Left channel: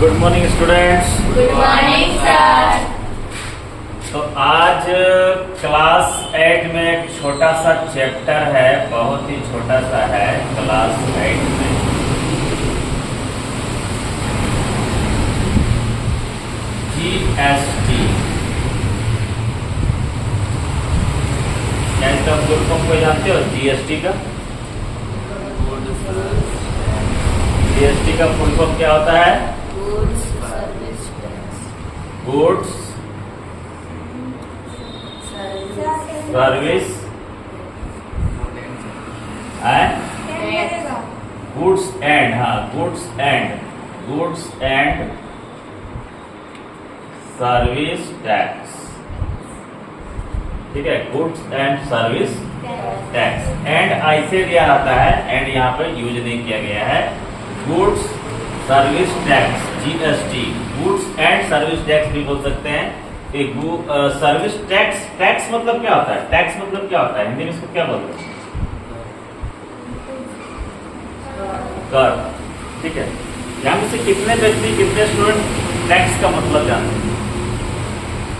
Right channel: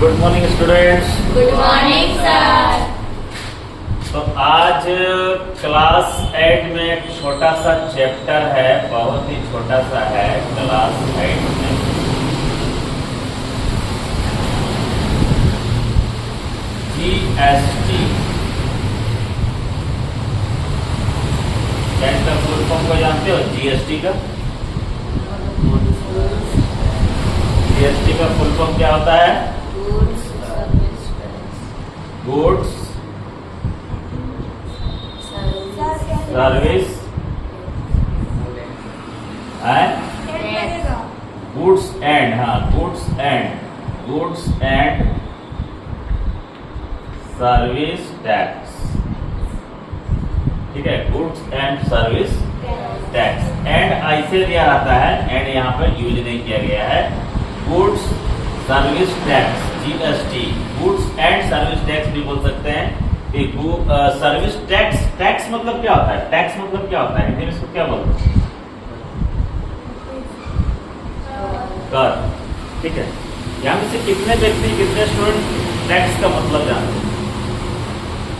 Good morning students. Good morning sir. तो आज class 8 में एक छोटा सा चैप्टर है, बहुत ही छोटा सा है क्लास 8 में। जीएसटी, क्या इसका फुल फॉर्म को जानते हो? जीएसटी का फुल फॉर्म क्या होता है? Goods service goods and service tax. ठीक है, goods and service tax. And ऐसे दिया रहता है, एंड यहाँ पे यूज नहीं किया गया है। Goods service tax, GST, goods and service tax भी बोल सकते हैं। सर्विस टैक्स, टैक्स मतलब क्या होता है? टैक्स मतलब क्या होता है? हिंदी में इसको क्या बोलते हैं? कर। ठीक है, यहाँ में से कितने व्यक्ति, कितने स्टूडेंट टैक्स का मतलब जानते हैं?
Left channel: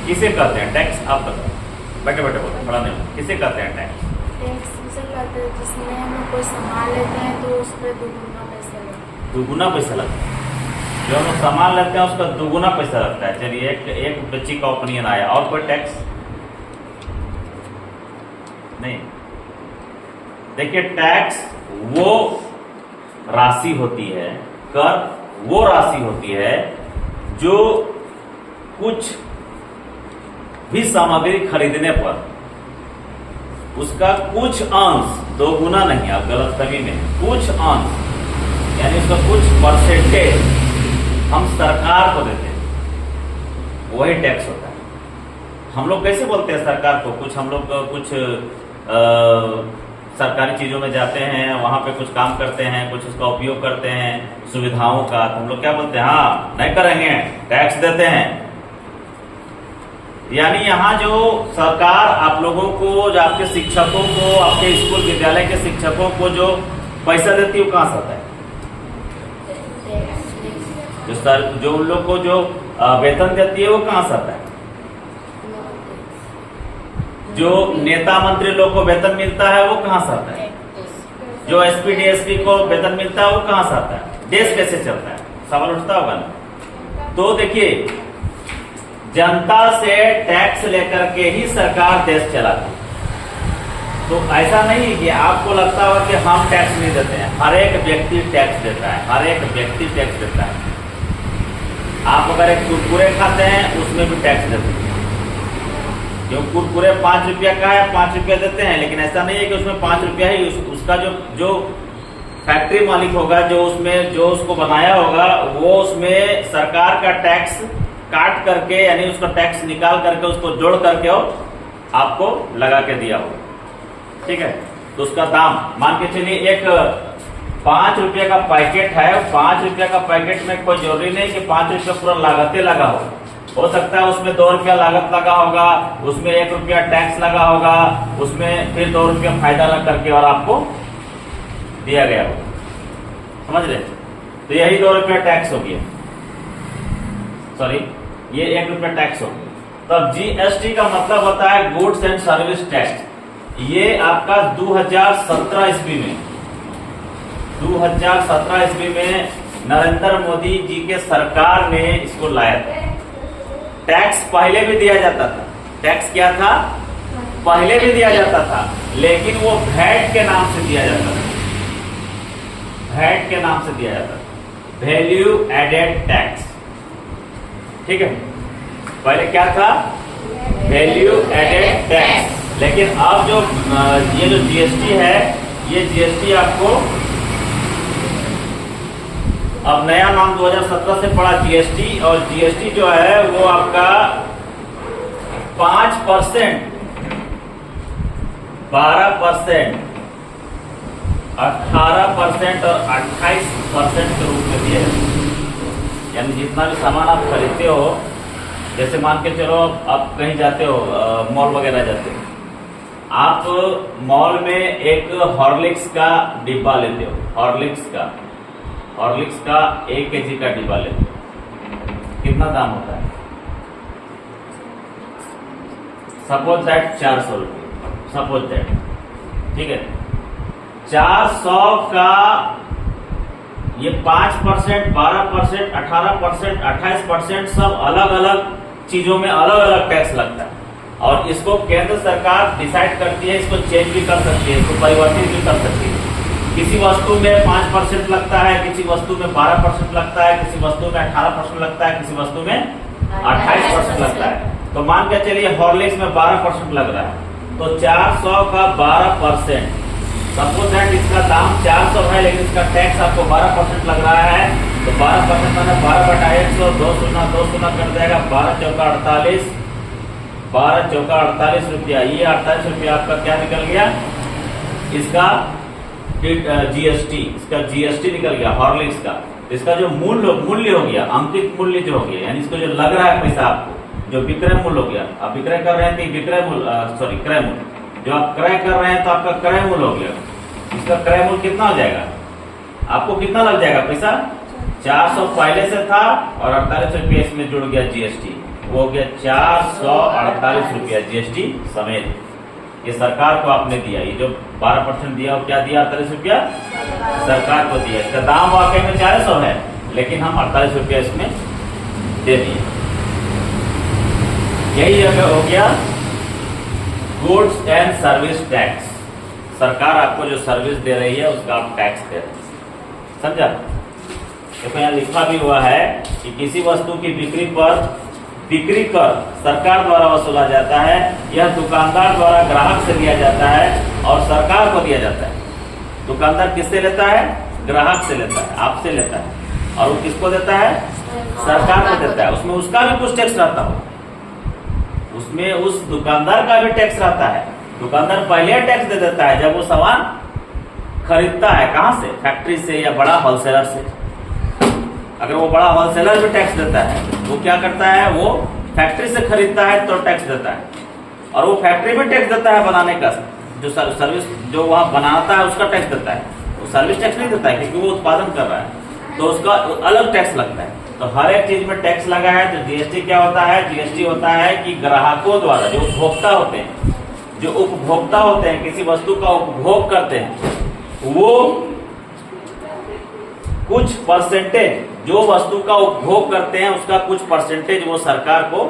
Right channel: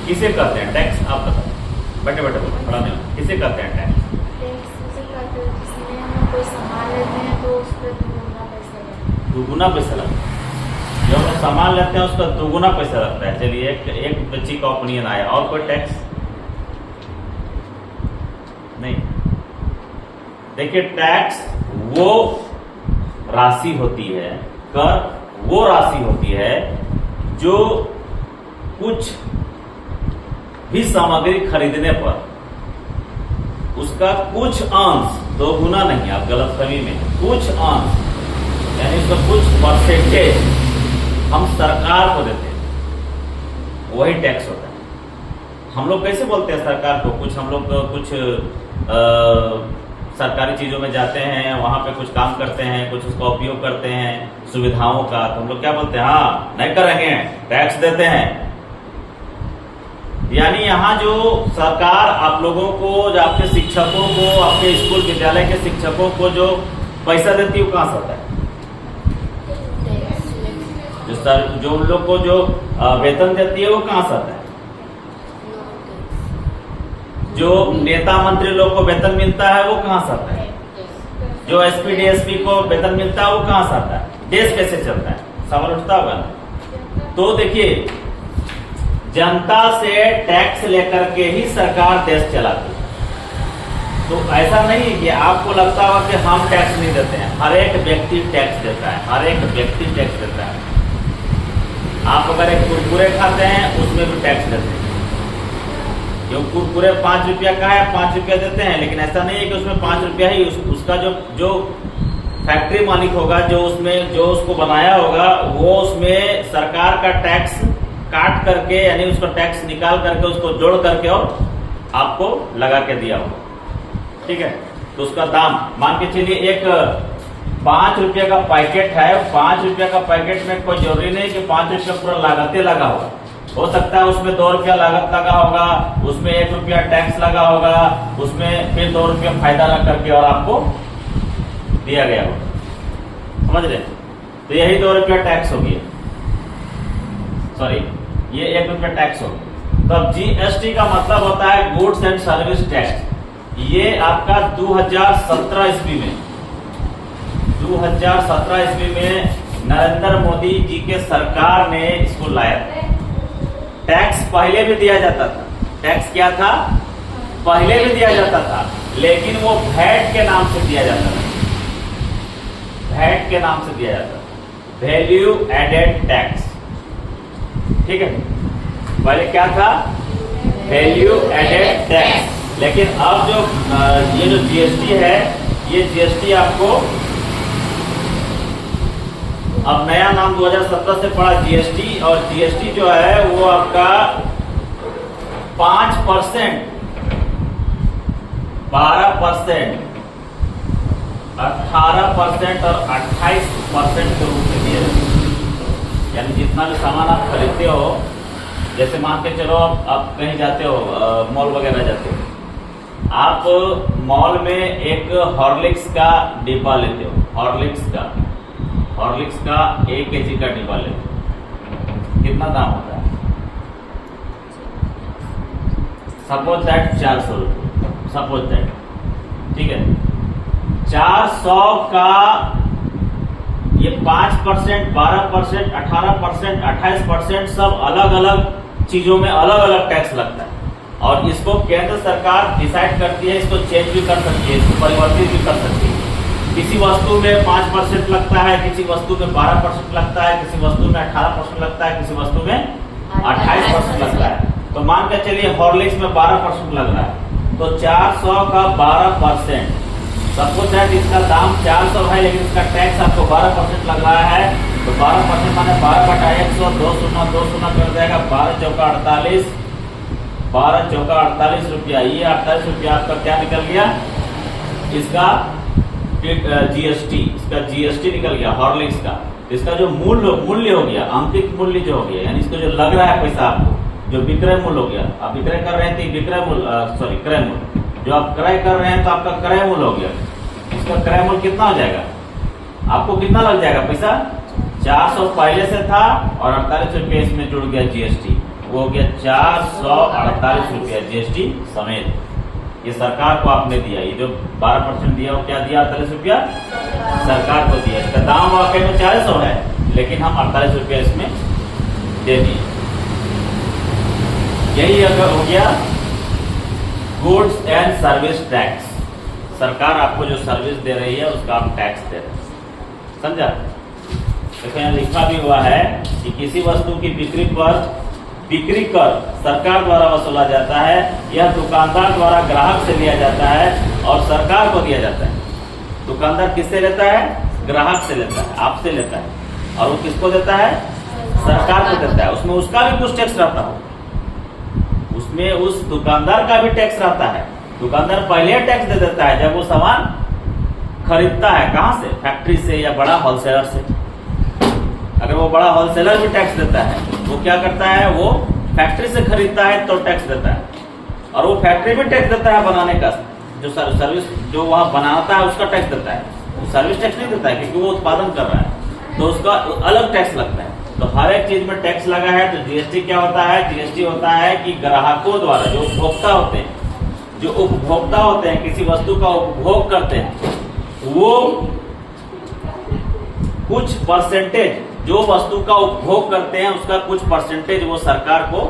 किसे कहते हैं टैक्स? आप बताओ, बैठे बैठे बोलो, पढ़ा नहीं हो। किसे कहते हैं टैक्स? जिसमें हम कोई सामान लेते हैं तो उस पर दुगुना पैसा लगता है। जो हम सामान लेते हैं उसका दुगुना पैसा लगता है। चलिए, एक बच्ची का ओपिनियन आया। और कोई टैक्स नहीं? देखिए, टैक्स वो राशि होती है, कर वो राशि होती है जो कुछ भी सामग्री खरीदने पर उसका कुछ अंश, दो गुना नहीं, आप गलतफहमी में, कुछ अंश यानी उसका कुछ परसेंटेज हम सरकार को देते हैं, वही टैक्स होता है। हम लोग कैसे बोलते हैं सरकार को? कुछ हम लोग कुछ सरकारी चीजों में जाते हैं, वहां पे कुछ काम करते हैं, कुछ उसका उपयोग करते हैं सुविधाओं का, तो हम लोग क्या बोलते हैं? हाँ, नहीं करेंगे, टैक्स देते हैं। यानी यहाँ जो सरकार आप लोगों को, जो आपके शिक्षकों को, आपके स्कूल विद्यालय के शिक्षकों को जो पैसा देती है, वो कहाँ से आता है? जो उन लोग को जो वेतन देती है वो कहाँ से आता है? जो नेता मंत्री लोग को वेतन मिलता है वो कहाँ से आता है? जो एसपी डीएसपी को वेतन मिलता है वो कहाँ से आता है? देश कैसे चलता है? सवाल उठता होगा ना। तो देखिए, जनता से टैक्स लेकर के ही सरकार देश चलाती है। तो ऐसा नहीं कि आपको लगता होगा कि हम टैक्स नहीं देते हैं। हर एक व्यक्ति टैक्स देता है, हर एक व्यक्ति टैक्स देता है। आप अगर एक कुरकुरे खाते हैं उसमें भी टैक्स देते हैं, क्यों? कुरकुरे 5 रुपया का है, 5 रुपया देते हैं। लेकिन ऐसा नहीं है कि उसमें 5 रुपया ही, उसका जो फैक्ट्री मालिक होगा, जो उसको बनाया होगा, वो उसमें सरकार का टैक्स काट करके, यानी उसका टैक्स निकाल करके, उसको जोड़ करके और आपको लगा के दिया होगा। ठीक है, तो उसका दाम मान के चलिए, एक 5 रुपये का पैकेट है। 5 रुपये का पैकेट में कोई जरूरी नहीं कि 5 रुपया पूरा लागते लगा हो सकता है उसमें 2 रुपया लागत लगा होगा, उसमें 1 रुपया टैक्स लगा होगा, उसमें फिर 2 रुपया फायदा रख करके और आपको दिया गया होगा। समझ रहे? तो यही 2 रुपया टैक्स हो गया, सॉरी, ये 1 रुपया टैक्स हो गया। तब जीएसटी का मतलब होता है गुड्स एंड सर्विस टैक्स। ये आपका 2017 ईस्वी में 2017 ईस्वी में नरेंद्र मोदी जी के सरकार ने इसको लाया। टैक्स पहले भी दिया जाता था। टैक्स क्या था? पहले भी दिया जाता था, लेकिन वो वैट के नाम से दिया जाता था। वैट के नाम से दिया जाता था, वैल्यू एडेड टैक्स। ठीक है, पहले क्या था? Value added tax. लेकिन अब जो ये जो जीएसटी है, ये जीएसटी आपको अब नया नाम 2017 से पड़ा जीएसटी। और जीएसटी जो है वो आपका 5%, 12%, 18% और 28% के रूप में दिया जाता है। यानी जितना भी सामान आप खरीदते हो, जैसे मान के चलो आप कहीं जाते हो, मॉल वगैरह जाते हो, आप मॉल में एक हॉर्लिक्स का डिब्बा लेते हो, हॉर्लिक्स का 1 kg का डिब्बा लेते हो, कितना दाम होता है? सपोज दैट 400 रुपये, सपोज दैट, ठीक है। 400 का ये 5%, 12%, 18%, 28% सब अलग अलग चीजों में अलग अलग टैक्स लगता है, और इसको केंद्र सरकार डिसाइड करती है, इसको चेंज भी कर सकती है, इसको परिवर्तित भी कर सकती है। किसी वस्तु में 5% लगता है, किसी वस्तु में 12% लगता है, किसी वस्तु में 18% लगता है, किसी वस्तु में 28% लगता है। तो मान के चलिए हॉर्लिक्स में 12% लग रहा है, तो 400 का 12%, सपोज दैट इसका दाम 400 है, लेकिन इसका टैक्स आपको 12% लग रहा है, तो 12% माने 12/100, 2 शून्य कर जाएगा, 12 चौका 48, 12 चौका 48 रुपया। ये 48 रुपया आपका क्या निकल गया? इसका जीएसटी, इसका जीएसटी निकल गया हॉर्लिक्स का। इसका जो मूल्य हो गया, अंकित मूल्य जो हो गया, यानी इसको जो लग रहा है पैसा आपको, जो विक्रय मूल्य हो गया, आप विक्रय कर रहे हैं तो विक्रय मूल्य, सॉरी क्रय मूल्य, जो आप क्रय कर रहे हैं तो आपका क्रय मूल्य हो गया। इसका क्रय मूल्य कितना हो जाएगा? आपको कितना लग जाएगा पैसा? 400 पहले से था और 48 रुपये इसमें जुड़ गया जीएसटी, वो हो गया 448 रुपया जीएसटी समेत। ये सरकार को आपने दिया, ये जो 12% दिया वो क्या दिया? 48 रुपया सरकार को दिया। इसका दाम वाकई में 400 है, लेकिन हम 48 रुपया इसमें दे दिए। यही अगर हो गया गुड्स एंड सर्विस टैक्स। सरकार आपको जो सर्विस दे रही है उसका आप टैक्स दे रहे हैं, समझा? तो यहाँ लिखा भी हुआ है कि किसी वस्तु की बिक्री कर सरकार द्वारा वसूला जाता है, यह दुकानदार द्वारा ग्राहक से लिया जाता है और सरकार को दिया जाता है। दुकानदार किससे लेता है? ग्राहक से लेता है, आपसे लेता है, और वो किसको देता है? सरकार को देता है। उसमें उसका भी कुछ टैक्स रहता हो, उसमें उस दुकानदार का भी टैक्स रहता है। दुकानदार पहले टैक्स दे देता है जब वो सामान खरीदता है, कहां से? फैक्ट्री से या बड़ा होलसेलर से। अगर वो बड़ा होलसेलर भी टैक्स देता है, वो क्या करता है? वो फैक्ट्री से खरीदता है तो टैक्स देता है, और वो फैक्ट्री भी टैक्स देता है बनाने का, जो सर्विस जो वहां बनाता है उसका टैक्स देता है। वो सर्विस टैक्स नहीं देता है क्योंकि वो उत्पादन कर रहा है, तो उसका अलग टैक्स लगता है। तो हर एक चीज में टैक्स लगा है। तो जीएसटी क्या होता है? जीएसटी होता है कि ग्राहकों द्वारा, जो उपभोक्ता होते हैं, जो उपभोक्ता होते हैं, किसी वस्तु का उपभोग करते हैं, वो कुछ परसेंटेज, जो वस्तु का उपभोग करते हैं उसका कुछ परसेंटेज वो सरकार को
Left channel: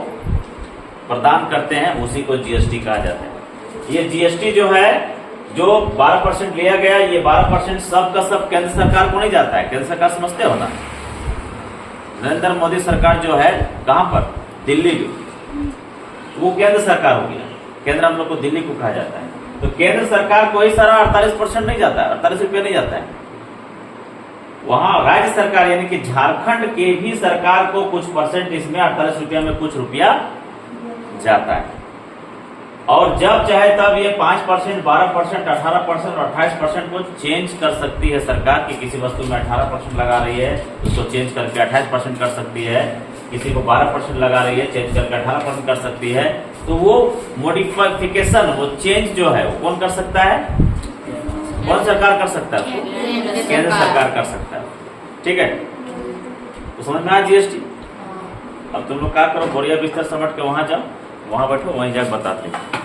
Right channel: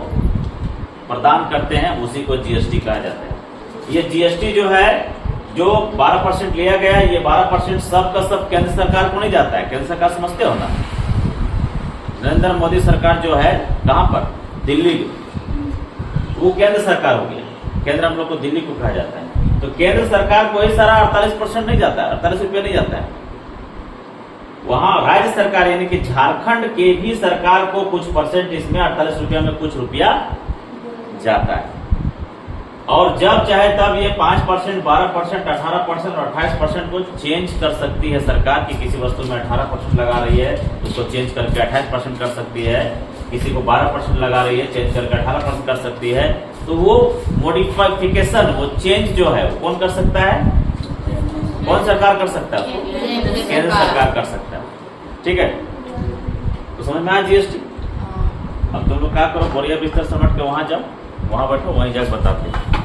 प्रदान करते हैं, उसी को जीएसटी कहा जाता है। ये जीएसटी जो है, जो 12% लिया गया, ये 12% सब का सब केंद्र सरकार को नहीं जाता है। केंद्र सरकार समझते हो ना, नरेंद्र मोदी सरकार जो है, कहां पर? दिल्ली, जो वो केंद्र सरकार हो गया। केंद्र हम लोग को दिल्ली को कहा जाता है। तो केंद्र सरकार को ही सारा 48% नहीं जाता है, 48 रुपये नहीं जाता है। वहां राज्य सरकार यानी कि झारखंड के भी सरकार को कुछ परसेंट, इसमें 48 रुपया में कुछ रुपया जाता है। और जब चाहे तब ये 5%, 12%, 18% और 28% को चेंज कर सकती है सरकार, की किसी वस्तु में 18% लगा रही है उसको चेंज करके 28% कर सकती है, किसी को 12% लगा रही है चेंज करके 18% कर सकती है। तो वो मॉडिफिकेशन, वो चेंज जो है वो कौन कर सकता है? कौन सरकार कर सकता है? केंद्र सरकार कर सकता है। ठीक है, तो समझ में आया जीएसटी? अब तुम लोग क्या करो, बोरिया बिस्तर समझ के वहां जाओ, वहां बैठो, वहीं जाकर बताते हैं।